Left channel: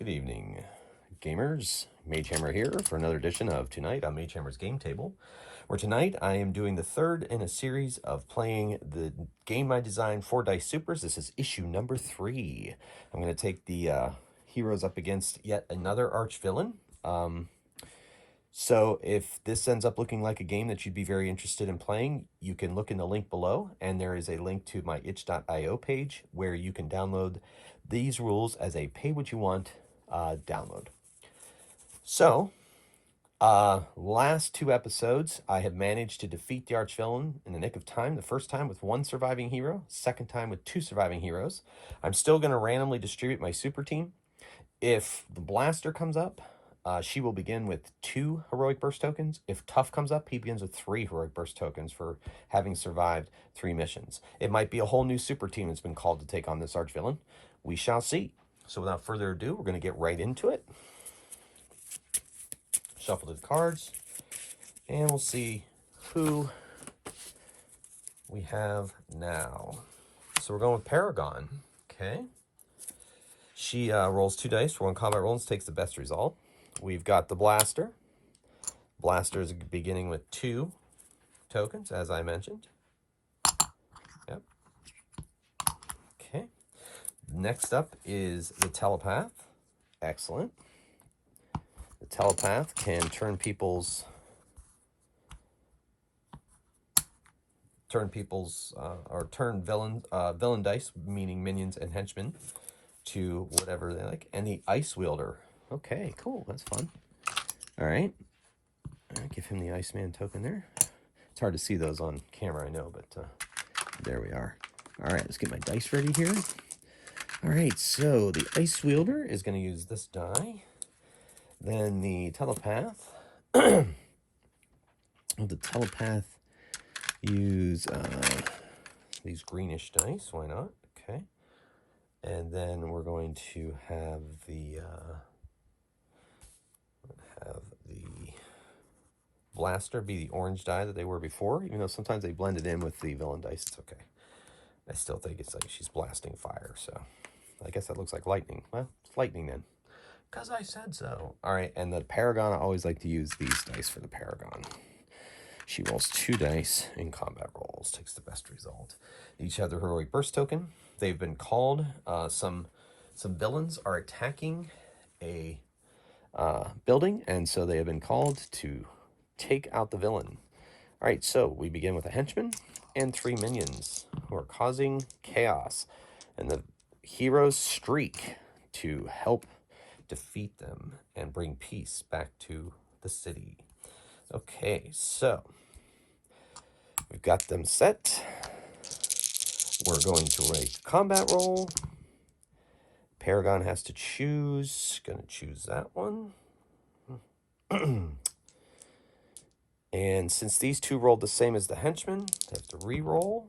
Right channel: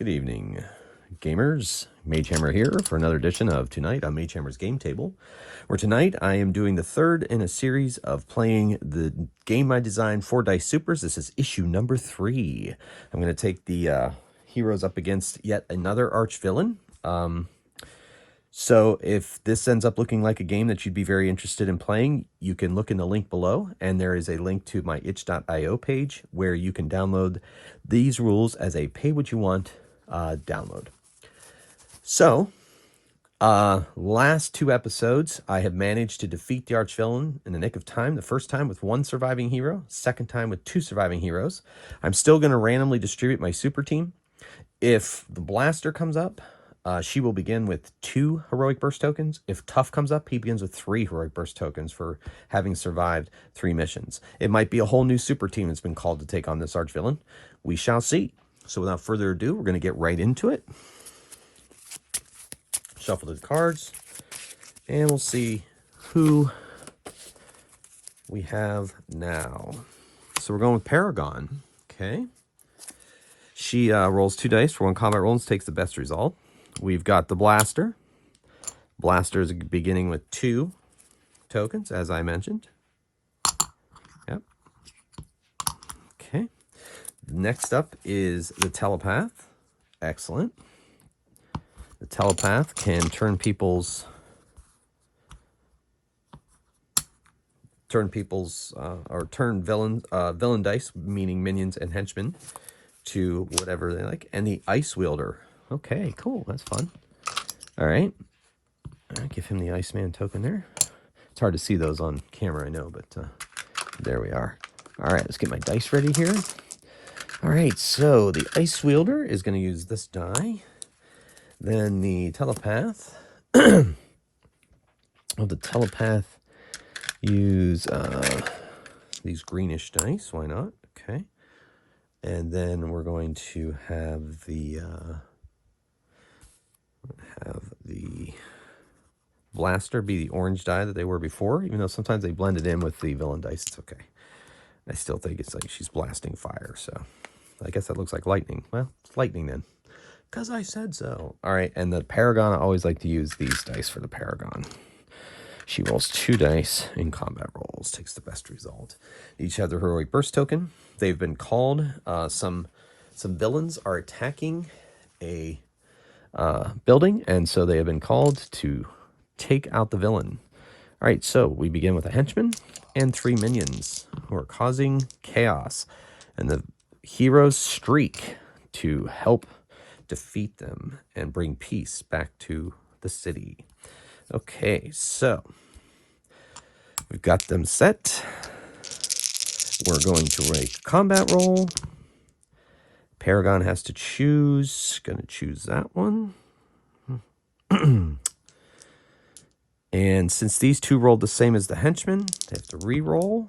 Good evening, gamers. Magehammer here for another edition of Tonight on Magehammer's Game Table, where tonight I am doing the third in a series of playing the game I designed, 4 Dice Supers. This is issue number 3. I'm going to take the heroes up against yet another arch villain. So if this ends up looking like a game that you'd be very interested in playing, you can look in the link below, and there is a link to my itch.io page where you can download these rules as a pay-what-you-want download. So, last 2 episodes, I have managed to defeat the archvillain in the nick of time. The first time with 1 surviving hero, second time with 2 surviving heroes. I'm still going to randomly distribute my super team. If the blaster comes up, she will begin with 2 heroic burst tokens. If Tough comes up, he begins with 3 heroic burst tokens for having survived 3 missions. It might be a whole new super team that's been called to take on this archvillain. We shall see. So without further ado, we're going to get right into it. Shuffle the cards, and we'll see who we have now. So we're going with Paragon. Okay. She rolls 2 dice for 1 combat roll and takes the best result. We've got the Blaster. Blaster is beginning with 2 tokens, as I mentioned. Yep. Okay. Next up is the Telepath. Excellent. The Telepath can turn people's villain dice, meaning minions and henchmen, to whatever they like. And the Ice Wielder. Okay, cool. That's fun. All right. I'll give him the Iceman token there. It's hard to see those on camera, I know, but there we are. All right, let's get my dice ready here. All right, so the Ice Wielder is going to use this die. Then the Telepath. The Telepath use these greenish dice. Why not? Okay. And then we're going to have the Blaster be the orange die that they were before, even though sometimes they blended in with the villain dice. It's okay. I still think it's like she's blasting fire, so I guess that looks like lightning. Well, it's lightning then, because I said so. All right, and the Paragon, I always like to use these dice for the Paragon. She rolls 2 dice in combat rolls, takes the best result. Each have their heroic burst token. They've been called. Some villains are attacking a building, and so they have been called to take out the villain. All right, so we begin with a henchman and 3 minions who are causing chaos, and the heroes streak to help defeat them and bring peace back to the city. Okay, so we've got them set. We're going to make a combat roll. Paragon has to choose. Going to choose that one. And since these 2 rolled the same as the henchman, they have to re-roll.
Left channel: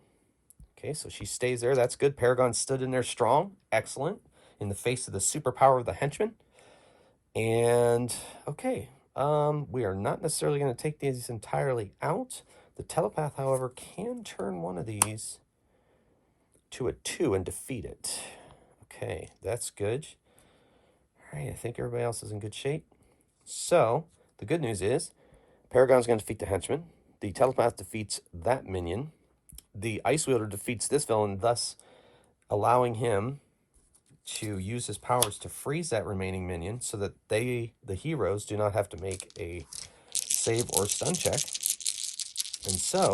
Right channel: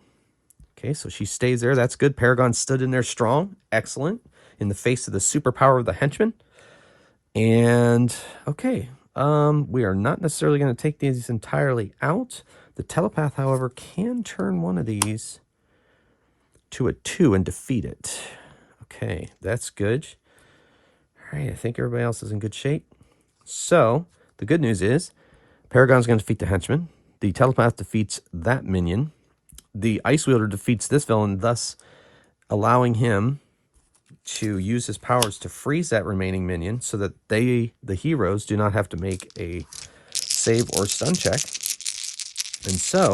Okay, so she stays there. That's good. Paragon stood in there strong. Excellent. In the face of the superpower of the henchman. And, okay, we are not necessarily going to take these entirely out. The Telepath, however, can turn one of these to a 2 and defeat it. Okay, that's good. All right, I think everybody else is in good shape. So, the good news is, Paragon's going to defeat the henchman. The Telepath defeats that minion. The Ice Wielder defeats this villain, thus allowing him to use his powers to freeze that remaining minion so that the heroes, do not have to make a save or stun check. And so,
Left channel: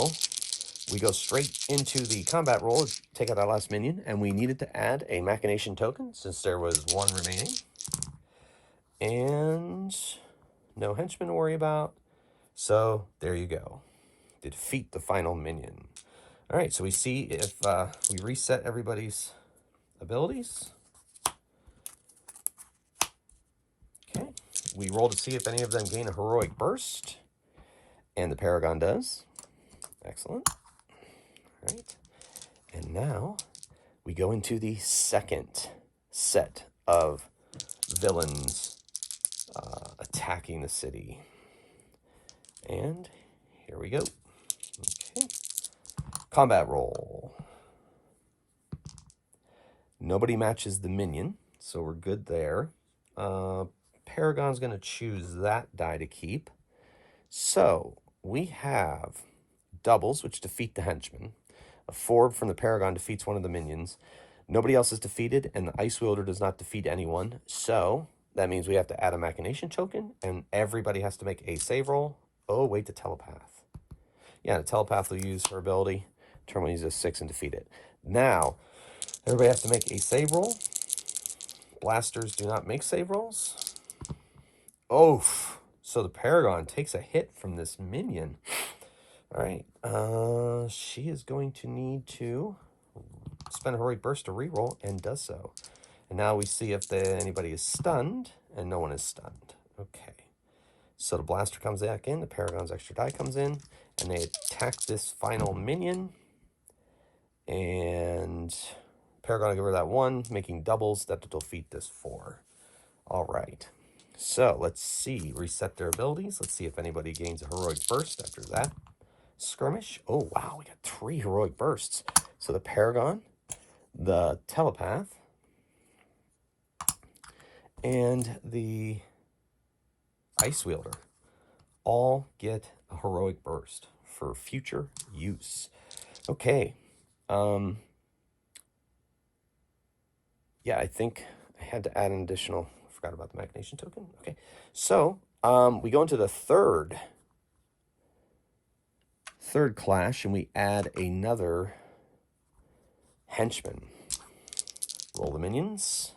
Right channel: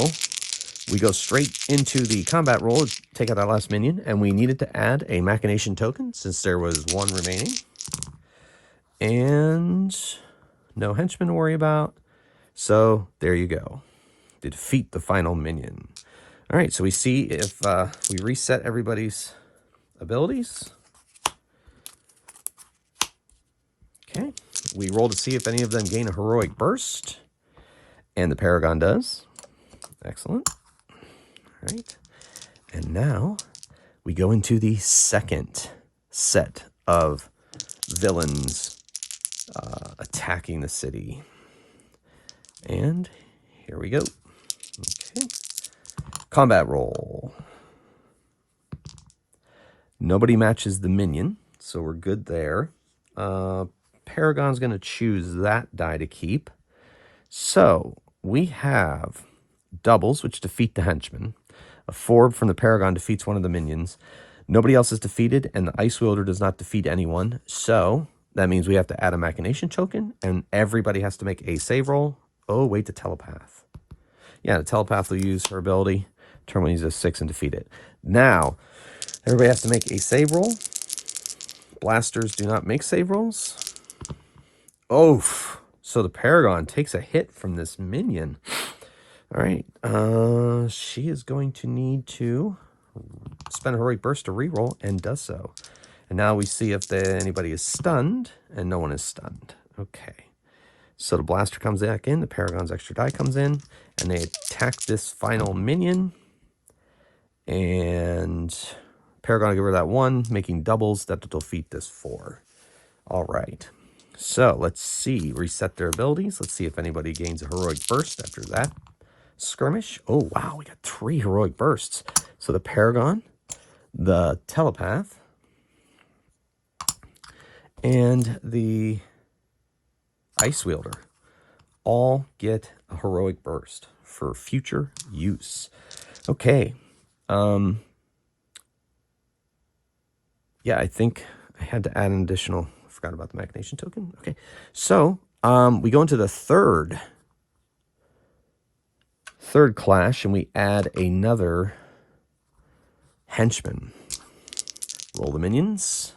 we go straight into the combat roll to take out our last minion, and we needed to add a Machination token since there was 1 remaining. And no henchman to worry about. So, there you go. To defeat the final minion. All right, so we see if we reset everybody's abilities. Okay, we roll to see if any of them gain a heroic burst. And the Paragon does. Excellent. All right, and now we go into the second set of villains attacking the city. And here we go. Okay. Combat roll. Nobody matches the minion, so we're good there. Paragon's going to choose that die to keep. So we have doubles, which defeat the henchman. A 4 from the Paragon defeats one of the minions. Nobody else is defeated, and the Ice Wielder does not defeat anyone. So that means we have to add a Machination token, and everybody has to make a save roll. Oh, wait, the Telepath. Yeah, the Telepath will use her ability. Turn one, use a 6 and defeat it. Now, everybody has to make a save roll. Blasters do not make save rolls. Oh, so the Paragon takes a hit from this minion. All right, she is going to need to spend a heroic burst to reroll, and does so. And now we see if anybody is stunned, and no one is stunned. Okay, so the blaster comes back in, the Paragon's extra die comes in, and they attack this final minion. And Paragon will give her that 1, making doubles that will defeat this 4. All right. So let's see. Reset their abilities. Let's see if anybody gains a heroic burst after that skirmish. Oh, wow. We got 3 heroic bursts. So the Paragon, the Telepath, and the Ice Wielder all get a heroic burst for future use. Okay. Yeah, I think I had to add an additional, forgot about the Machination token. Okay, so we go into the third clash, and we add another henchman. Roll the minions.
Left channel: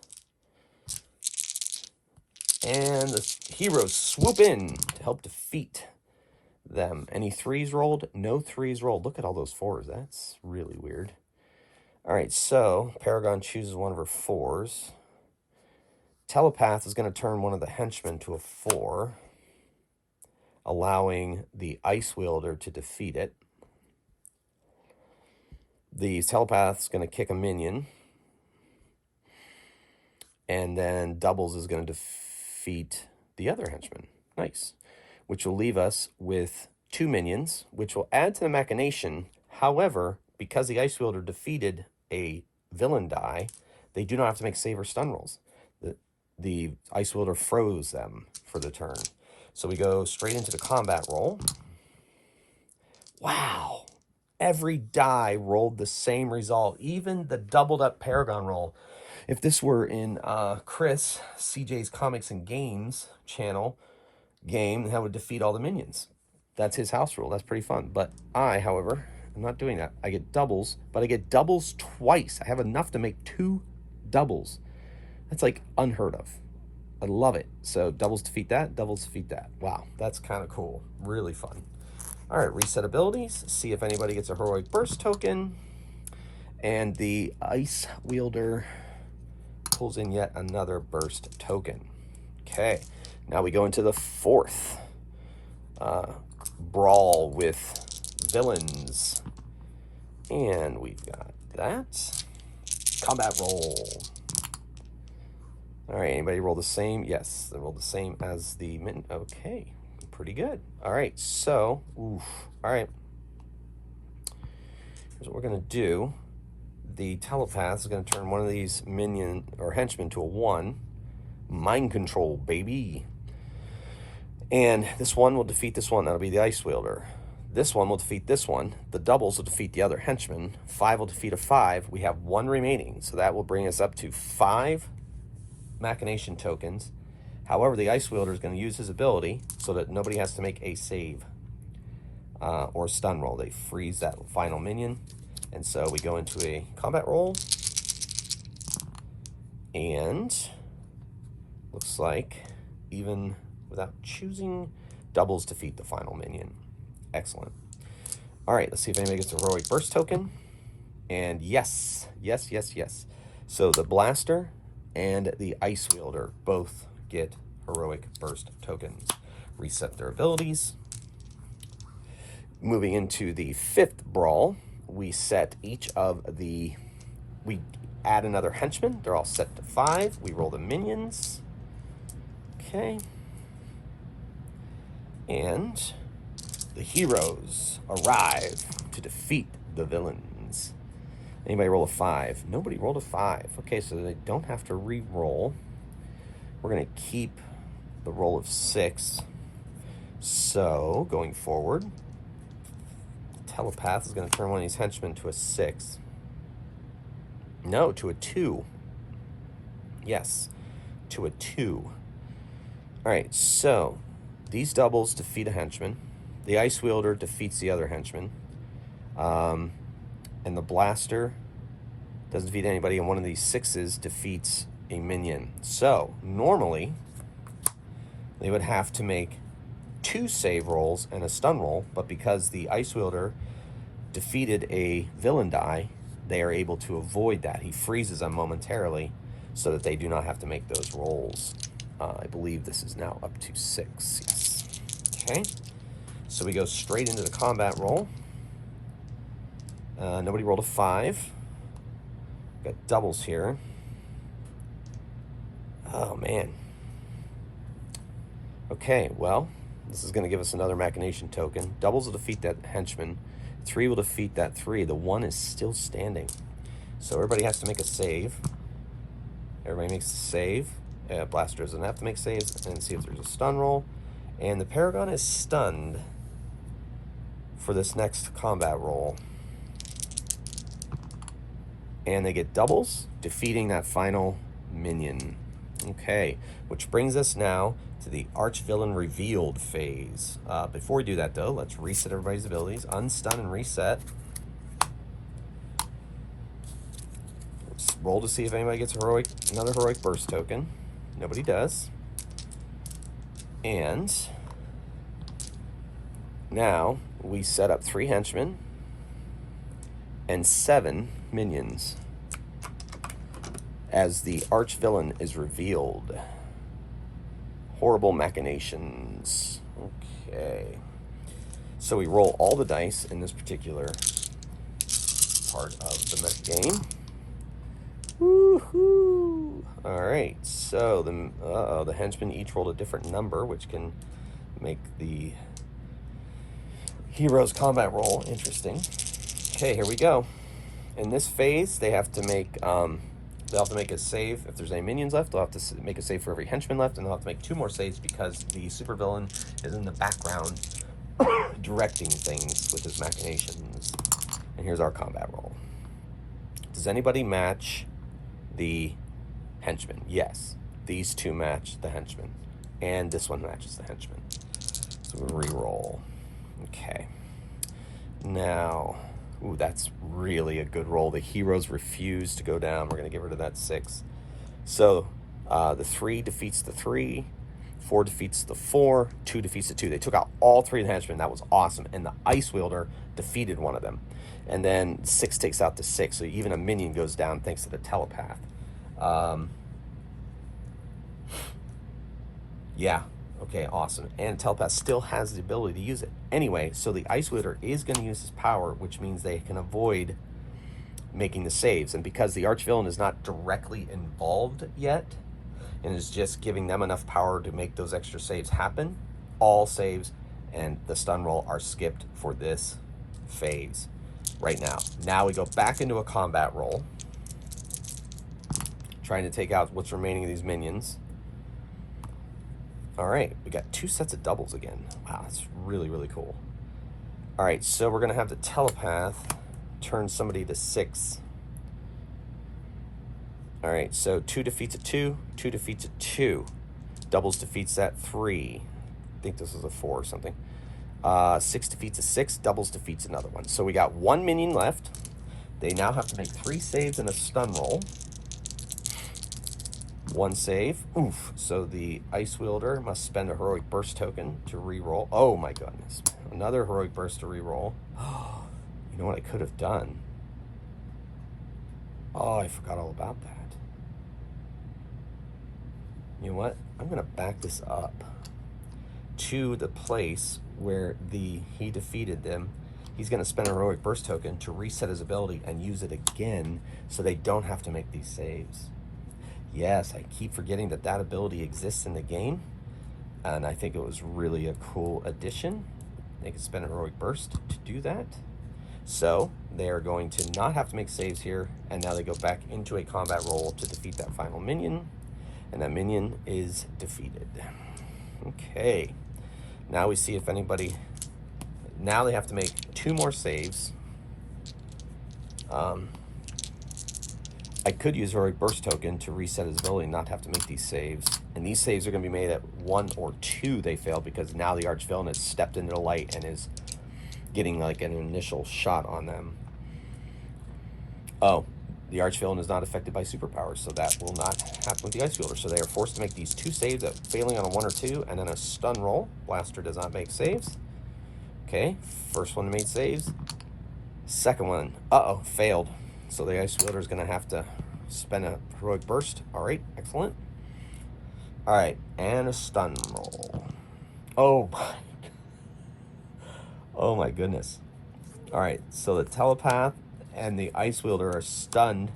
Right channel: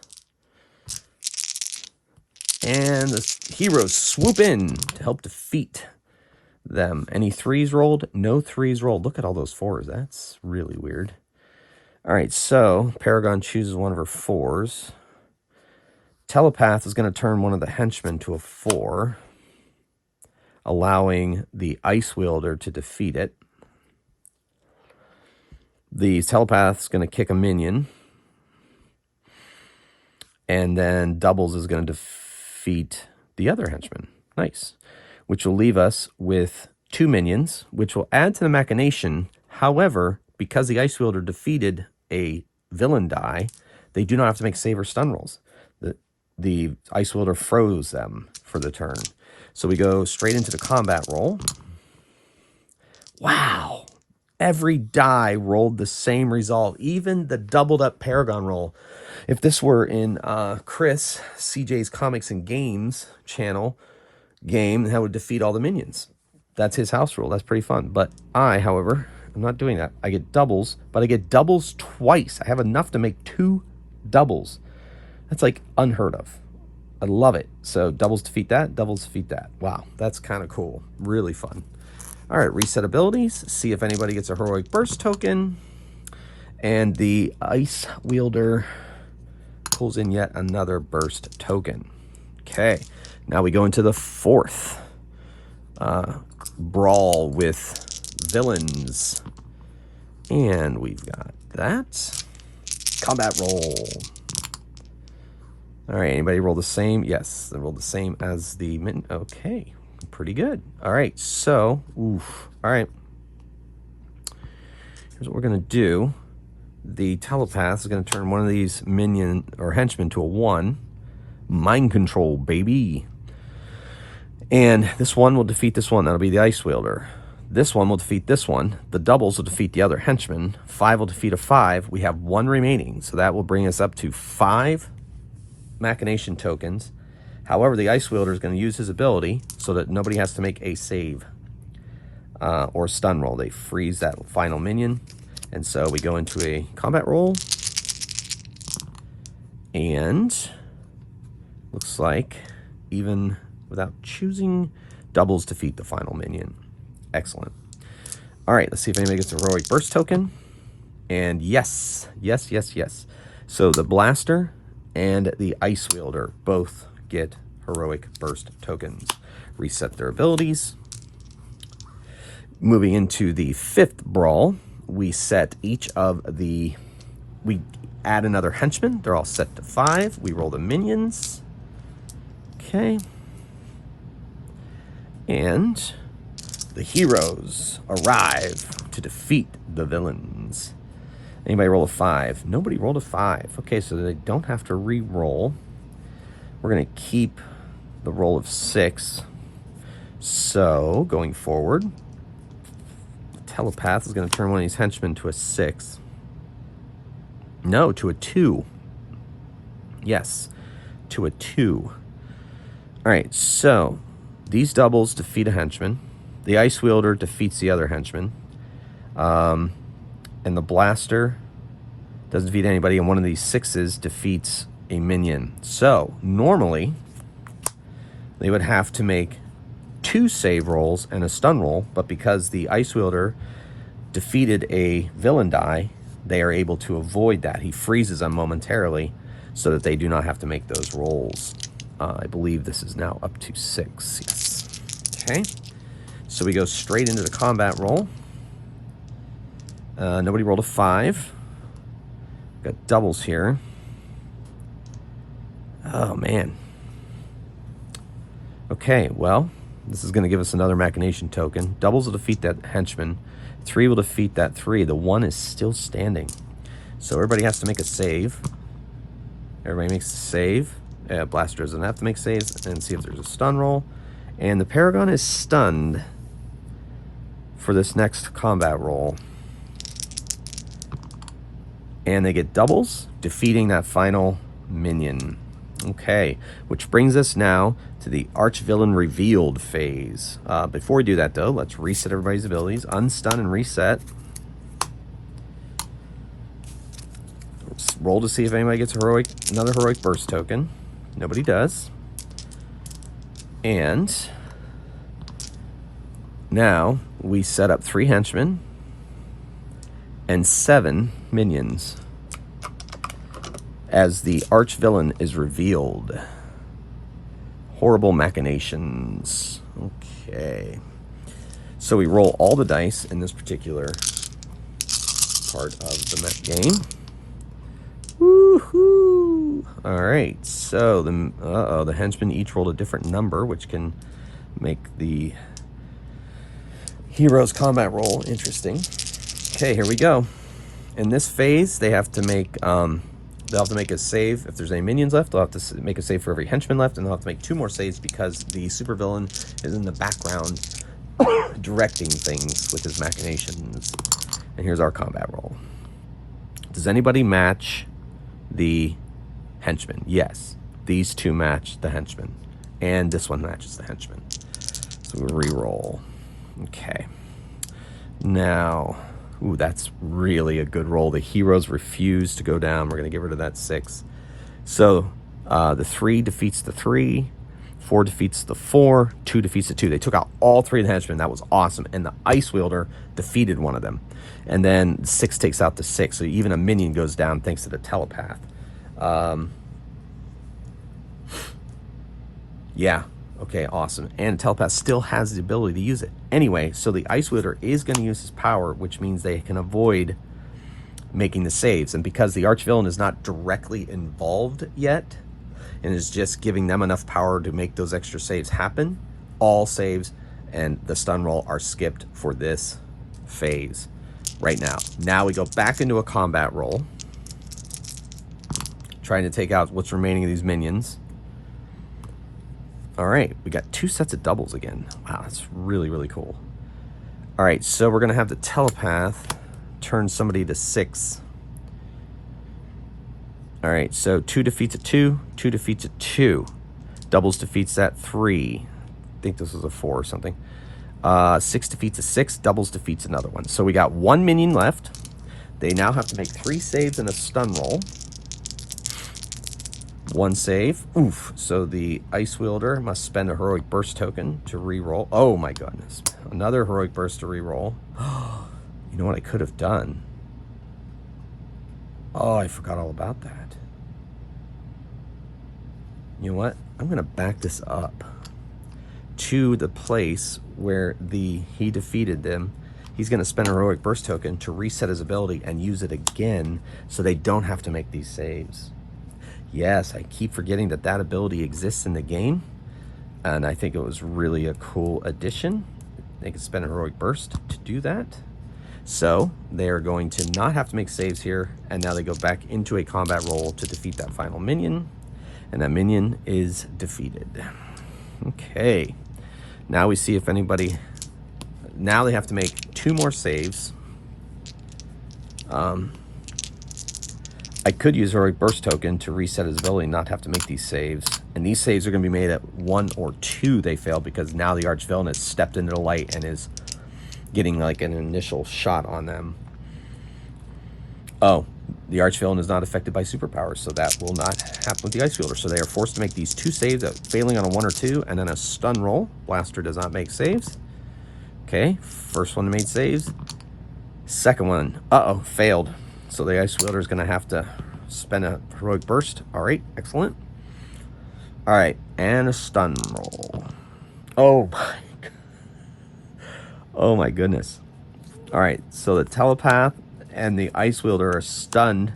And the heroes swoop in to help defeat them. Any 3s rolled? No 3s rolled. Look at all those 4s. That's really weird. All right, so Paragon chooses one of her 4s. Telepath is going to turn one of the henchmen to a 4, allowing the Ice Wielder to defeat it. The Telepath is going to kick a minion. And then doubles is going to defeat the other henchman. Nice. Which will leave us with 2 minions, which will add to the Machination. However, because the Ice Wielder defeated a villain die, they do not have to make save or stun rolls. The Ice Wielder froze them for the turn. So we go straight into the combat roll. Wow. Every die rolled the same result, even the doubled up Paragon roll. If this were in Chris, CJ's Comics and Games channel game, that would defeat all the minions. That's his house rule. That's pretty fun. But I, however, I'm not doing that. I get doubles, but I get doubles twice. I have enough to make 2 doubles. That's like unheard of. I love it. So doubles defeat that, doubles defeat that. Wow, that's kind of cool. Really fun. All right, reset abilities. See if anybody gets a heroic burst token. And the Ice Wielder pulls in yet another burst token. Okay, now we go into the 4th brawl with villains. And we've got that. Combat roll. All right, anybody roll the same? Yes, they rolled the same as the min. Okay, pretty good. All right, so, oof. All right. Here's what we're gonna do. The Telepath is gonna turn one of these minion or henchmen to a 1. Mind control, baby. And this one will defeat this one. That'll be the Ice Wielder. This one will defeat this one. The doubles will defeat the other henchman. 5 will defeat a 5. We have 1 remaining, so that will bring us up to 5 Machination tokens. However, the Ice Wielder is going to use his ability so that nobody has to make a save or stun roll. They freeze that final minion. And so we go into a combat roll. And looks like even without choosing, doubles defeat the final minion. Excellent. All right, let's see if anybody gets a heroic burst token. And yes, yes, yes, yes. So the blaster and the Ice Wielder both get heroic burst tokens. Reset their abilities. Moving into the 5th brawl, we set each of the, we add another henchman. They're all set to 5. We roll the minions. Okay. And the heroes arrive to defeat the villains. Anybody roll a 5? Nobody rolled a 5. Okay, so they don't have to re-roll. We're going to keep the roll of 6. So, going forward, Telepath is going to turn one of these henchmen to a 6. No, to a 2. Yes, to a 2. All right, so these doubles defeat a henchman. The Ice Wielder defeats the other henchman. And the Blaster doesn't defeat anybody, and one of these 6s defeats a minion. So, normally, they would have to make 2 save rolls and a stun roll, but because the Ice Wielder defeated a villain die, they are able to avoid that. He freezes them momentarily so that they do not have to make those rolls. I believe this is now up to 6. Yes. Okay. So we go straight into the combat roll. Nobody rolled a 5. Got doubles here. Oh, man. Okay, well, this is going to give us another Machination token. Doubles will defeat that henchman. 3 will defeat that 3. The 1 is still standing. So everybody has to make a save. Everybody makes a save. Blaster doesn't have to make saves. And see if there's a stun roll. And the Paragon is stunned for this next combat roll. And they get doubles, defeating that final minion. Okay, which brings us now to the Archvillain Revealed phase. Before we do that, though, let's reset everybody's abilities. Unstun and reset. Let's roll to see if anybody gets another Heroic Burst token. Nobody does. And now we set up 3 henchmen and 7 minions as the Archvillain is revealed. Horrible Machinations. Okay. So we roll all the dice in this particular part of the mech game. Woohoo! Alright, so the henchmen each rolled a different number, which can make the hero's combat roll interesting. Okay, here we go. In this phase, they have to make they'll have to make a save if there's any minions left. They'll have to make a save for every henchman left, and they'll have to make 2 more saves because the supervillain is in the background directing things with his machinations. And here's our combat roll. Does anybody match the henchman? Yes, these 2 match the henchman, and this one matches the henchman. So we re-roll. Okay. Now, ooh, that's really a good roll. The heroes refuse to go down. We're going to get rid of that 6. So the 3 defeats the 3. 4 defeats the 4. 2 defeats the 2. They took out all 3 of the henchmen. That was awesome. And the Ice Wielder defeated one of them. And then 6 takes out the 6. So even a minion goes down thanks to the Telepath. Yeah. Okay, awesome. And Telepath still has the ability to use it. Anyway, so the Ice Wielder is going to use his power, which means they can avoid making the saves. And because the Archvillain is not directly involved yet, and is just giving them enough power to make those extra saves happen, all saves and the stun roll are skipped for this phase right now. Now we go back into a combat roll, trying to take out what's remaining of these minions. All right, we got 2 sets of doubles again. Wow, that's really, really cool. All right, so we're gonna have the Telepath turn somebody to 6. All right, so 2 defeats a 2, 2 defeats a 2. Doubles defeats that 3. I think this was a 4 or something. 6 defeats a 6, doubles defeats another one. So we got 1 minion left. They now have to make 3 saves and a stun roll. 1 save. Oof. So the Ice Wielder must spend a Heroic Burst token to re-roll. Oh my goodness. Another Heroic Burst to re-roll. You know what I could have done? Oh, I forgot all about that. You know what? I'm going to back this up to the place where he defeated them. He's going to spend a Heroic Burst token to reset his ability and use it again so they don't have to make these saves. Yes, I keep forgetting that that ability exists in the game, and I think it was really a cool addition. They can spend a Heroic Burst to do that. So they are going to not have to make saves here, and now they go back into a combat roll to defeat that final minion. And that minion is defeated. Okay. Now we see if anybody... Now they have to make 2 more saves. I could use Heroic Burst token to reset his ability and not have to make these saves. And these saves are going to be made at 1 or 2 they fail, because now the Archvillain has stepped into the light and is getting like an initial shot on them. Oh, the Archvillain is not affected by superpowers, so that will not happen with the Ice Wielder. So they are forced to make these 2 saves, failing on a 1 or 2, and then a stun roll. Blaster does not make saves. Okay, first one made saves. Second one, failed. So the Ice Wielder is going to have to spend a Heroic Burst. All right, excellent. All right, and a stun roll. Oh my goodness. All right, so the Telepath and the Ice Wielder are stunned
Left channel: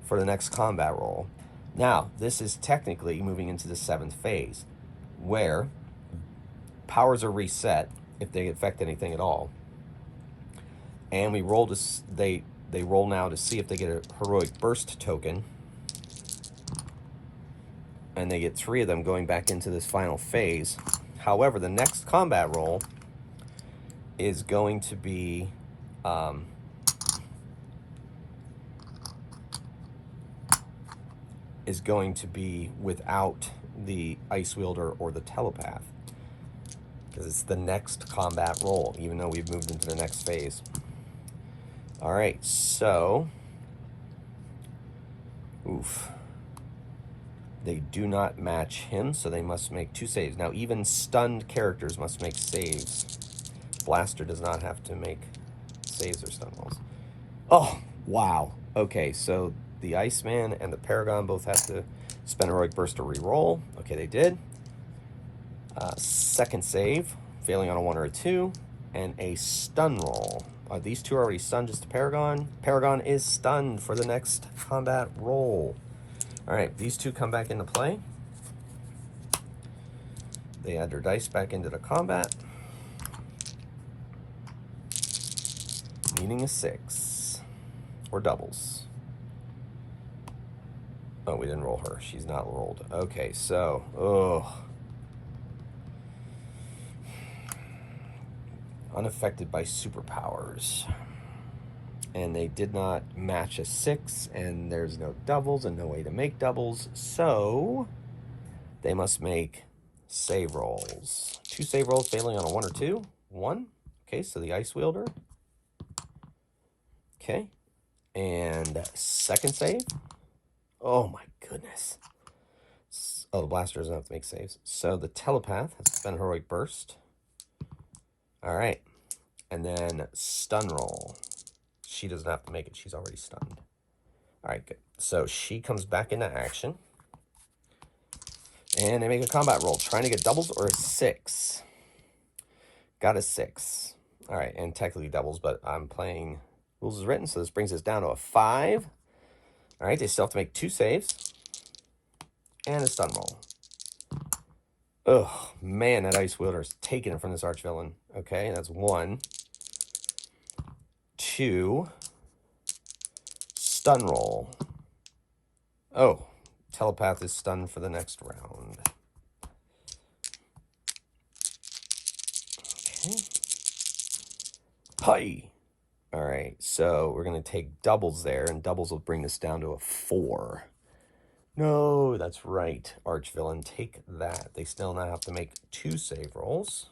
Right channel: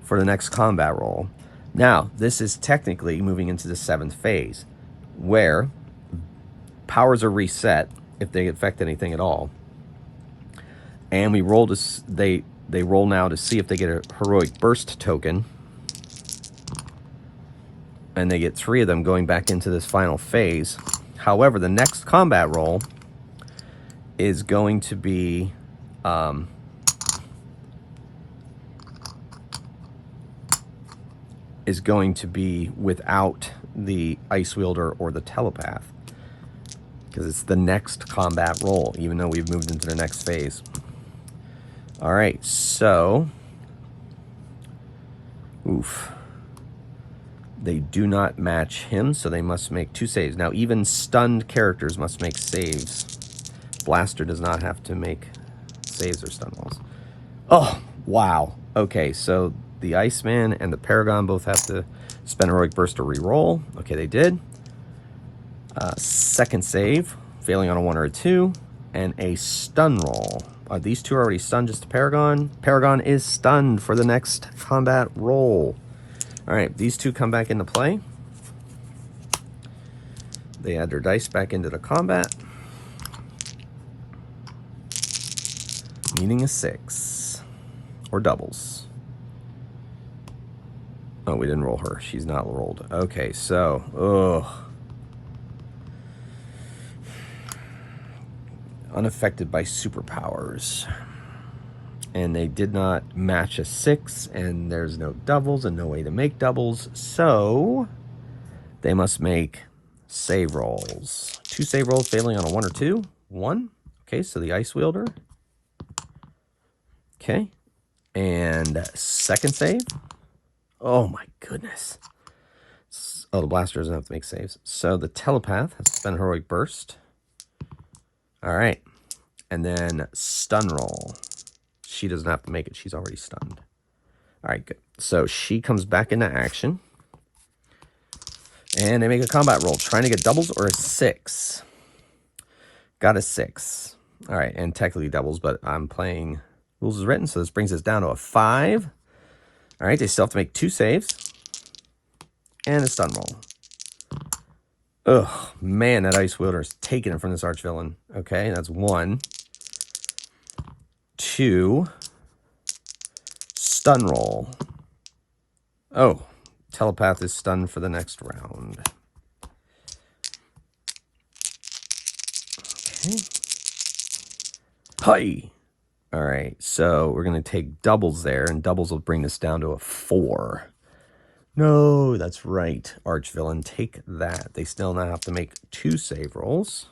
for the next combat roll. Now, this is technically moving into the 7th phase, where powers are reset if they affect anything at all. And we roll to they roll now to see if they get a Heroic Burst token. And they get 3 of them going back into this final phase. However, the next combat roll is going to be without the Ice Wielder or the Telepath, because it's the next combat roll, even though we've moved into the next phase. All right, so they do not match him, so they must make 2 saves. Now, even stunned characters must make saves. Blaster does not have to make saves or stun rolls. Oh, wow. Okay, so the Iceman and the Paragon both have to spend Heroic Burst to re-roll. Okay, they did. Second save, failing on a 1 or a 2, and a stun roll. These 2 are already stunned, just the Paragon. Paragon is stunned for the next combat roll. All right, these 2 come back into play. They add their dice back into the combat. Meaning a 6. Or doubles. Oh, we didn't roll her. She's not rolled. Okay, so, unaffected by superpowers. And they did not match a 6, and there's no doubles and no way to make doubles, so they must make save rolls. 2 save rolls failing on a 1 or 2. 1. Okay, so the Ice Wielder. Okay. And second save. Oh my goodness. Oh, the Blaster doesn't have to make saves. So the Telepath has to spend Heroic Burst. All right. And then stun roll. She doesn't have to make it. She's already stunned. All right, good. So she comes back into action. And they make a combat roll. Trying to get doubles or a 6. Got a 6. All right, and technically doubles, but I'm playing rules as written, so this brings us down to a 5. All right, they still have to make 2 saves. And a stun roll. Ugh, man, that Ice Wielder's taking it from this Archvillain. Okay, that's 1. 2. Stun roll. Oh, Telepath is stunned for the next round. Okay. Hi. All right, so we're going to take doubles there, and doubles will bring us down to a 4. No, that's right. Archvillain, take that. They still now have to make 2 save rolls.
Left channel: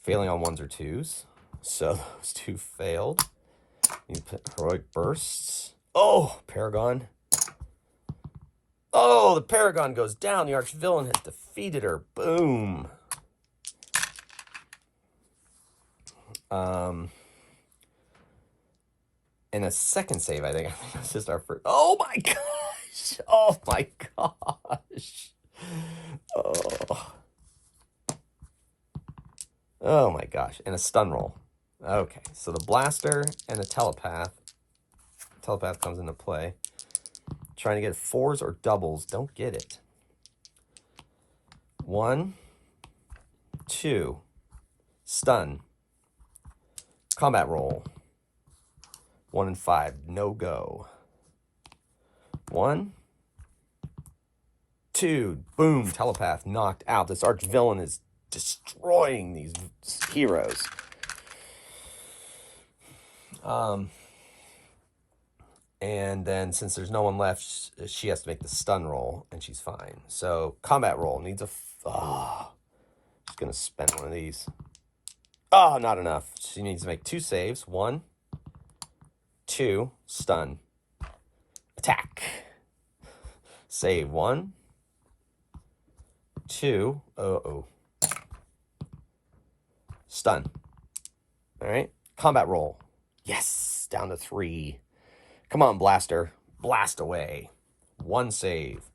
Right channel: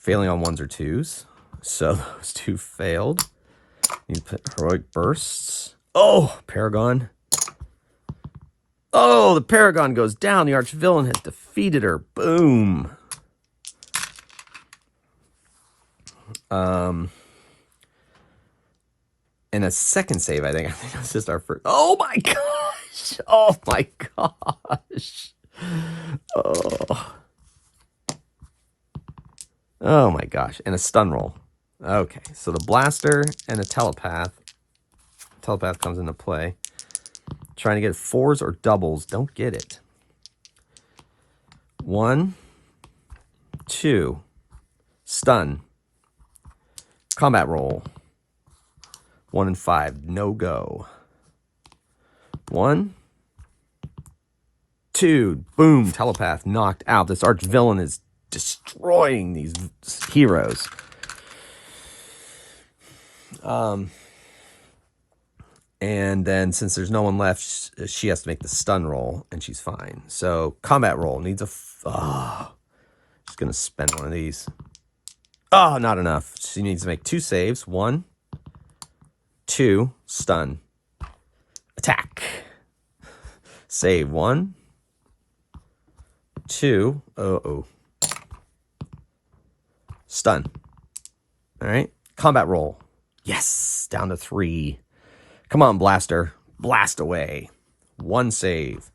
Failing on 1s or 2s. So those 2 failed. You put Heroic Bursts. Oh, Paragon. Oh, the Paragon goes down. The Archvillain has defeated her. Boom. And a second save, I think. I think it's just our first. Oh my gosh. Oh my gosh. Oh. Oh my gosh. And a stun roll. Okay, so the Blaster and a Telepath. Telepath comes into play. Trying to get 4s or doubles. Don't get it. 1, 2. Stun. Combat roll. 1 and 5. No go. 1, Dude, boom, telepath knocked out. This arch villain is destroying these heroes. And then since there's no one left, she has to make the stun roll, and she's fine. So combat roll needs a... just going to spend one of these. Oh, not enough. She needs to make 2 saves. 1, 2, stun. Attack. Save. 1, 2. Stun. All right. Combat roll. Yes. Down to 3. Come on, Blaster. Blast away. 1 save.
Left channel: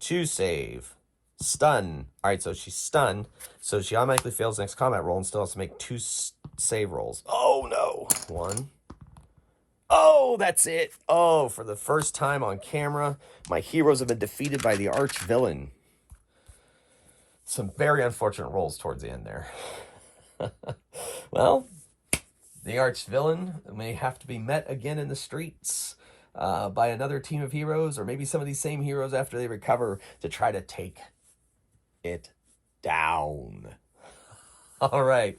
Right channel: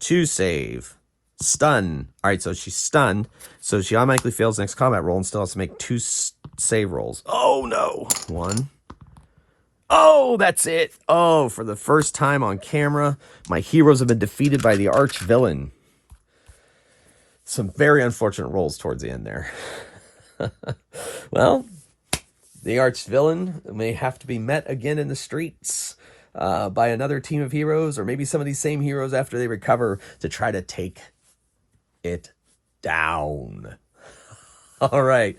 2 save. Stun. All right, so she's stunned. So she automatically fails the next combat roll and still has to make 2 save rolls. Oh, no. 1. Oh, that's it. Oh, for the first time on camera, my heroes have been defeated by the arch villain. Some very unfortunate rolls towards the end there. Well, the arch villain may have to be met again in the streets by another team of heroes, or maybe some of these same heroes after they recover to try to take it down. All right,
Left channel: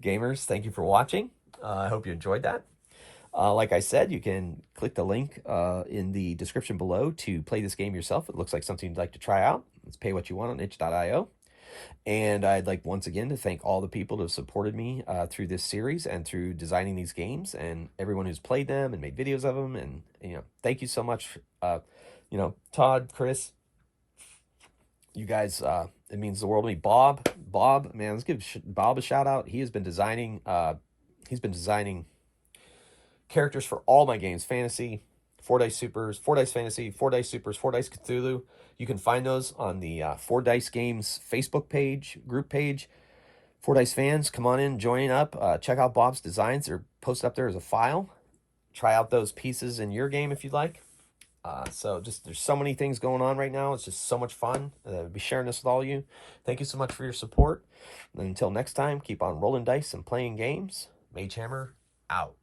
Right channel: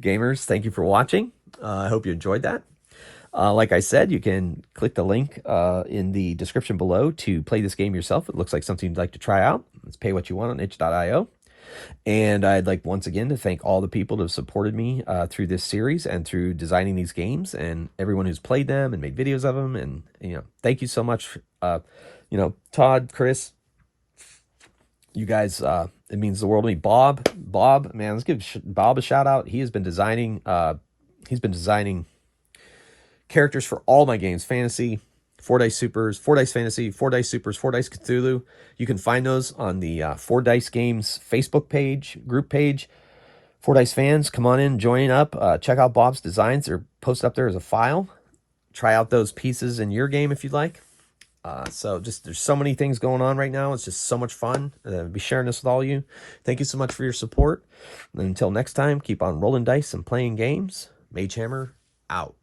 gamers, thank you for watching. I hope you enjoyed that. Like I said, you can click the link in the description below to play this game yourself. It looks like something you'd like to try out. Let's pay what you want on itch.io. And I'd like once again to thank all the people that have supported me through this series and through designing these games, and everyone who's played them and made videos of them. And, you know, thank you so much. You know, Todd, Chris, you guys, it means the world to me. Bob, man, let's give Bob a shout out. He has been designing, characters for all my games: Fantasy, 4-Dice Supers, 4-Dice Fantasy, 4-Dice Supers, 4-Dice Cthulhu. You can find those on the 4-Dice Games Facebook page, group page. 4-Dice fans, come on in, join up. Check out Bob's designs. They're posted up there as a file. Try out those pieces in your game if you'd like. So there's so many things going on right now. It's just so much fun. Be sharing this with all of you. Thank you so much for your support. And until next time, keep on rolling dice and playing games. Mage Hammer out.